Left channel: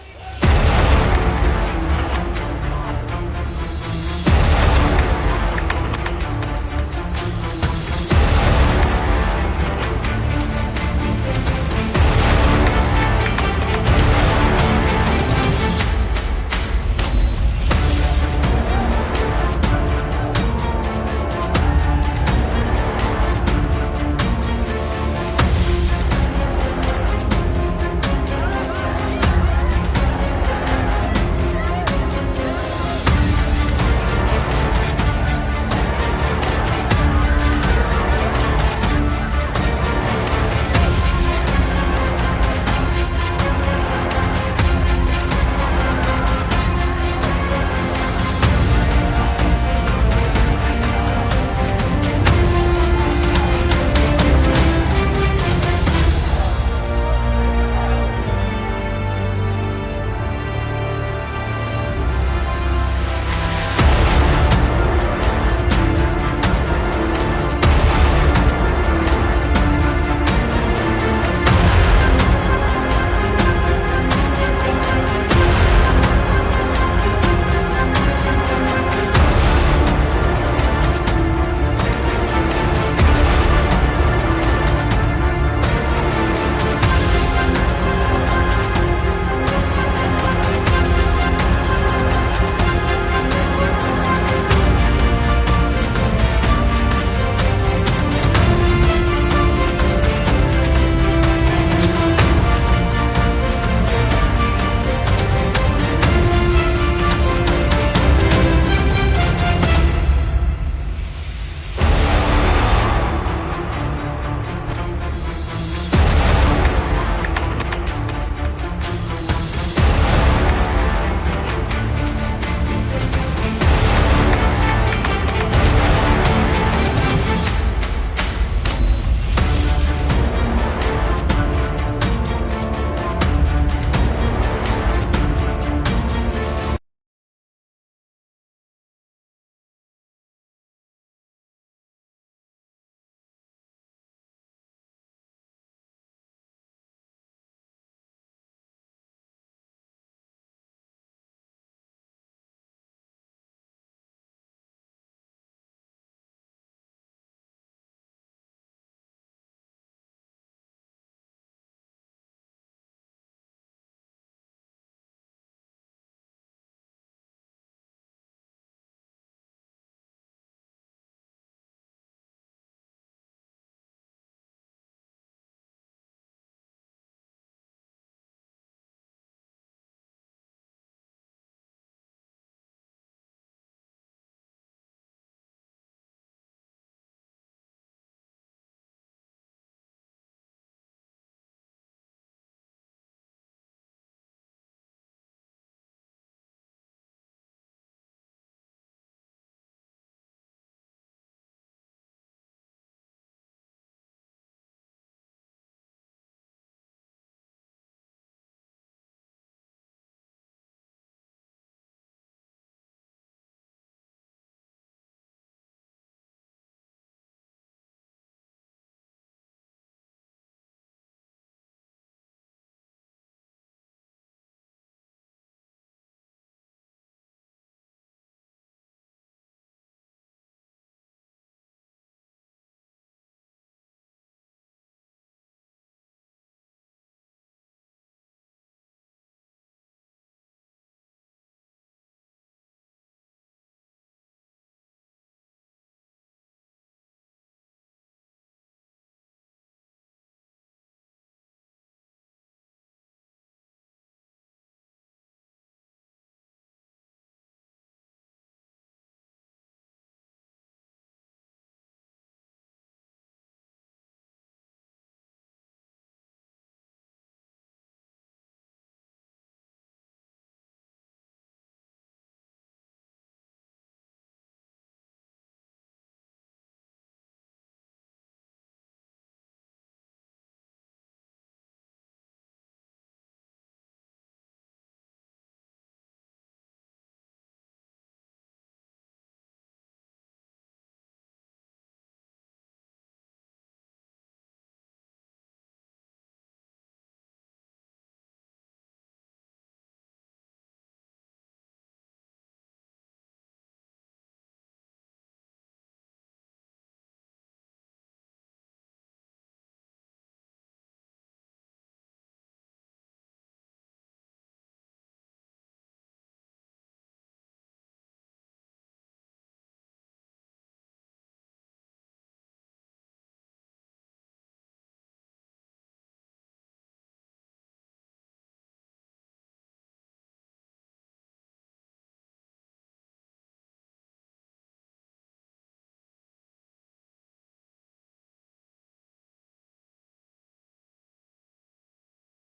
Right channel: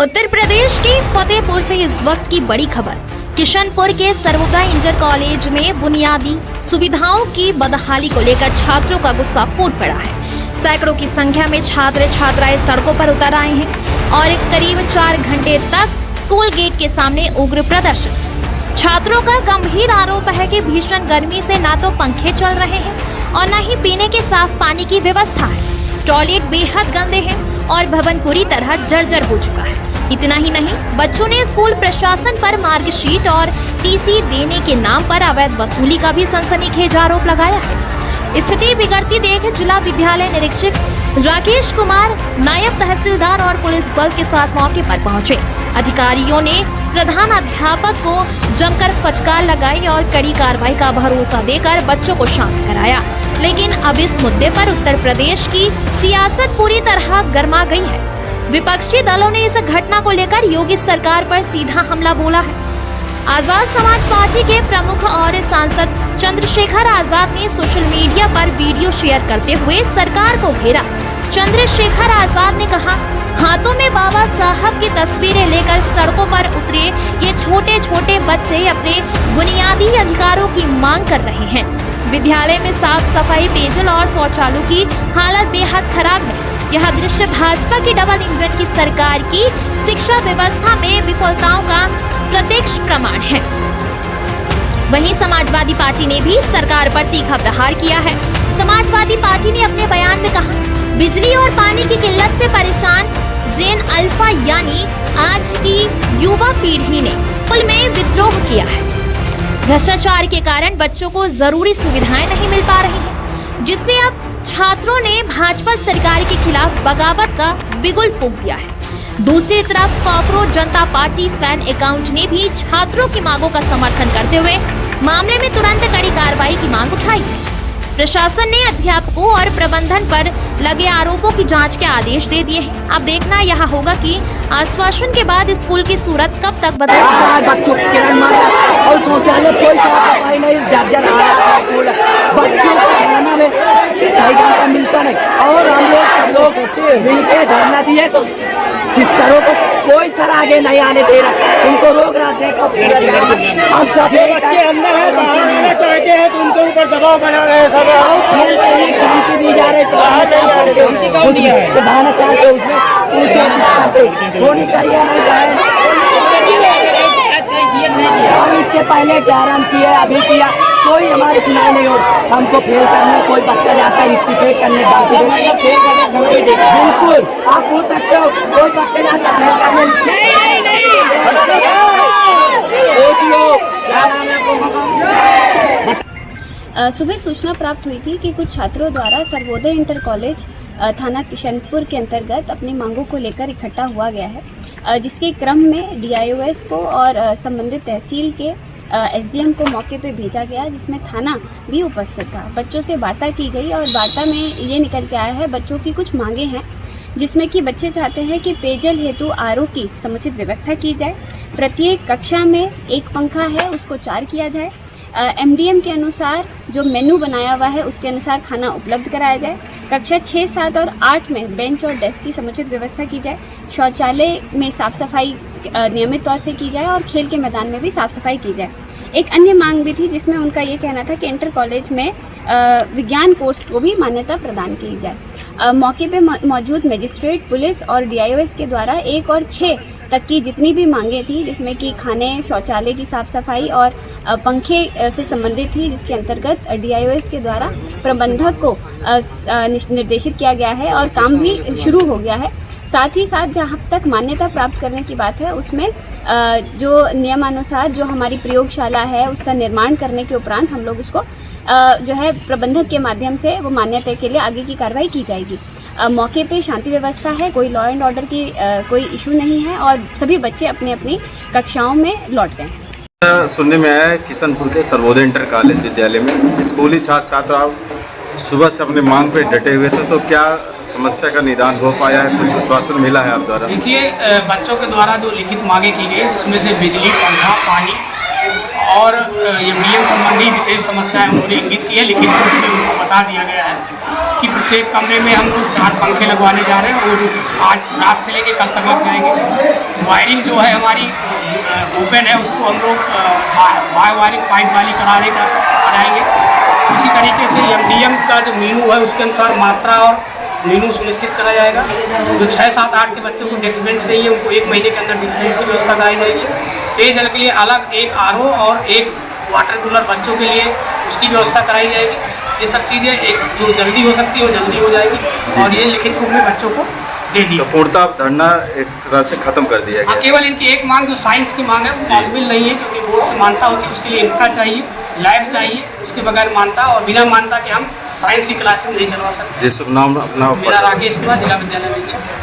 उत्तर प्रदेश के फतेहपुर से इस वक्त की बड़ी खबर। किशनपुर के सर्वोदय इंटर कॉलेज में बुनियादी सुविधाओं की बदहाली को लेकर छात्रों का गुस्सा फूट पड़ा है। सैकड़ों की संख्या में छात्र छात्राएं सड़कों पर उतर आए हैं और करीब 4 घंटे तक स्कूल गेट के सामने उग्र प्रदर्शन। छात्रों का गंभीर आरोप है कि भीषण गर्मी से ना तो पंखे चल रहे हैं और न ही पीने के साफ पानी की व्यवस्था है। टॉयलेट बेहद गंदे हैं और भवन पूरी तरह जर्जर हो चुका है। इतना ही नहीं, बच्चों ने स्कूल प्रशासन पर मार्कशीट और टीसी देने के नाम पर अवैध वसूली का भी सनसनीखेज आरोप लगाया है। स्थिति बिगड़ती देख जिला विद्यालय निरीक्षक राकेश कुमार, नायब तहसीलदार और पुलिस बल के साथ मौके पर पहुंचे। अधिकारियों ने प्रधान अध्यापक को जमकर फटकार लगाई और कड़ी कार्रवाई का भरोसा देकर बच्चों को शांत कराया। लेकिन अब इस मुद्दे पर उत्तर प्रदेश की सियासत पूरी तरह गर्मा गई है। विपक्षी दलों ने इस घटना को लेकर योगी सरकार पर सीधा हमला बोला है। आजाद समाज पार्टी के प्रमुख और सांसद चंद्रशेखर आजाद ने सोशल मीडिया पर वीडियो शेयर करते हुए सरकार को घेरा। चंद्रशेखर आजाद ने कहा, हाथों में बाबा साहब की तस्वीरें लेकर सड़कों पर उतरे ये छोटे छोटे बच्चे अपने बुनियादी अधिकारों की मांग कर रहे हैं। विद्यालय में साफ सफाई, पेयजल और शौचालयों की हालत बेहद खराब है। यह दृश्य भाजपा की डबल इंजन की सरकार की शिक्षा व्यवस्था में विफलताओं का प्रत्यक्ष प्रमाण है। वहीं समाजवादी पार्टी ने भी सरकार पर तीखा प्रहार किया है। समाजवादी पार्टी ने अपने बयान में कहा, बिजली और पानी की किल्लत से परेशान जेन अल्फा यानी आज की युवा पीढ़ी ने स्कूल में विद्रोह किया है। भ्रष्टाचार के कारण बच्चों को जरूरी सुविधाएं नहीं मिल पा रही हैं, जिससे अब छात्रों ने भाजपा सरकार के खिलाफ बगावत का बिगुल फूंक दिया है। दूसरी तरफ कॉकरोच जनता पार्टी फैन अकाउंट ने भी छात्रों की मांगों का समर्थन करते हुए मामले में तुरंत कड़ी कार्रवाई की मांग उठाई। प्रशासन ने अध्यापकों और प्रबंधन पर लगे आरोपों की जांच के आदेश दे दिए हैं। अब देखना यह होगा कि आश्वासन के बाद स्कूल की सूरत कब तक बदलेगी। बच्चों की और शौचालय कोई सफाई नहीं, जर्जर बच्चों को खाना में सही ढंग का मिलता नहीं। और हम लोग मिलकर धरना दिए तो शिक्षकों को कोई तरह आगे नहीं आने दे रहा, उनको रोक रहा है। हम सब बच्चे अंदर है, बाहर आना चाहते हैं तो उनके ऊपर दबाव बना रहे हैं। सब धमकी दी जा रही है, बहाना चाहते उसमें होनी चाहिए। हम इसके पहले गारंटी किए, अभी किया, कोई हमारी सुनाई नहीं हो। हमको फेल करने कोई बच्चा जाता है इसकी फेल करने बिल्कुल आप पूछ सकते हो, कोई बच्चा जाता फेल करने सुबह सूचना प्राप्त हुई थी कि कुछ छात्रों द्वारा सर्वोदय इंटर कॉलेज थाना किशनपुर के अंतर्गत अपनी मांगों को लेकर इकट्ठा हुआ गया है, जिसके क्रम में डीआईओएस को और संबंधित तहसील के एसडीएम को मौके पे भेजा गया, जिसमें थाना भी उपस्थित था। बच्चों से वार्ता की गई और वार्ता में ये निकल के आया है, बच्चों की कुछ मांगे हैं, जिसमें कि बच्चे चाहते हैं कि पेयजल हेतु आरओ की समुचित व्यवस्था की जाए। प्रत्येक कक्षा में एक पंखा है, उसको 4 किया जाए। एमडीएम के अनुसार जो मेनू बनाया हुआ है उसके अनुसार खाना उपलब्ध कराया जाए। कक्षा 6, 7 और 8 में बेंच और डेस्क की समुचित व्यवस्था की जाए। शौचालय में साफ सफाई नियमित तौर से की जाए और खेल के मैदान में भी साफ सफाई की जाए। एक अन्य मांग भी थी, जिसमें उनका ये कहना था कि इंटर कॉलेज में विज्ञान कोर्स को भी मान्यता प्रदान की जाए। मौके पे मौजूद मजिस्ट्रेट, पुलिस और डीआईओएस के द्वारा 1 और 6 तक की जितनी भी मांगे थी, जिसमें कि खाने, शौचालय की साफ सफाई और पंखे से संबंधित थी, जिसके अंतर्गत डीआईओएस के द्वारा प्रबंधक को निर्देशित किया गया है और काम भी शुरू हो गया है। साथ ही साथ जहाँ तक मान्यता प्राप्त करने की बात है, उसमें जो नियमानुसार जो हमारी प्रयोगशाला है उसका निर्माण करने के उपरांत हम लोग उसको जो है प्रबंधक के माध्यम से वो मान्यता के लिए आगे की कार्रवाई की जाएगी। मौके पे शांति व्यवस्था है, कोई लॉ एंड ऑर्डर की कोई इशू नहीं है और सभी बच्चे अपनी अपनी कक्षाओं में लौट गए। सुनने में आया है किशनपुर के सर्वोदय इंटर कॉलेज विद्यालय में स्कूली छात्र छात्रा सुबह से अपने मांग पे डटे हुए थे, तो क्या समस्या का निदान हो पाया है, कुछ आश्वासन मिला है आप द्वारा? देखिए, बच्चों के द्वारा जो लिखित मांगे की गई, जिसमें से बिजली, पंखा, पानी और एमडीएम संबंधी विशेष समस्याएं उन्होंने इंगित की है। लिखित रूप में उनको बता दिया गया है कि प्रत्येक कमरे में हम लोग 4 पंखे लगवाने जा रहे हैं और जो आज रात से लेके कल तक लग जाएंगे। वायरिंग जो है हमारी ओपन है, उसको हम लोग बाय वायरिंग पाइप वाली कराएंगे। इसी तरीके से MDM का जो मेनू है उसके अनुसार मात्रा और मेनू सुनिश्चित करा जाएगा। जो 6, 7, 8 के बच्चों को डेस्क बेंच नहीं है उनको 1 महीने के अंदर डेस्क बेंच की व्यवस्था कराई जाएगी। पेयजल के लिए अलग एक RO और एक वाटर कूलर बच्चों के लिए उसकी व्यवस्था कराई जाएगी। ये सब चीज़ें एक जो जल्दी हो सकती है वो जल्दी हो जाएगी और ये लिखित रूप में बच्चों को दे दी। तो पूर्णतः धरना एक तरह से खत्म कर दिया गया। केवल इनकी एक मांग जो साइंस की मांग है वो पॉसिबल नहीं है, क्योंकि बोर्ड से मान्यता होती है, उसके लिए इंफ्रा चाहिए, लैब चाहिए, उसके बगैर मान्यता और बिना मान्यता के हम साइंस की क्लासेस नहीं चलवा सकते। जी, शुभ नाम अपना। मेरा राकेश कुमार, जिला विद्यालय अधीक्षक।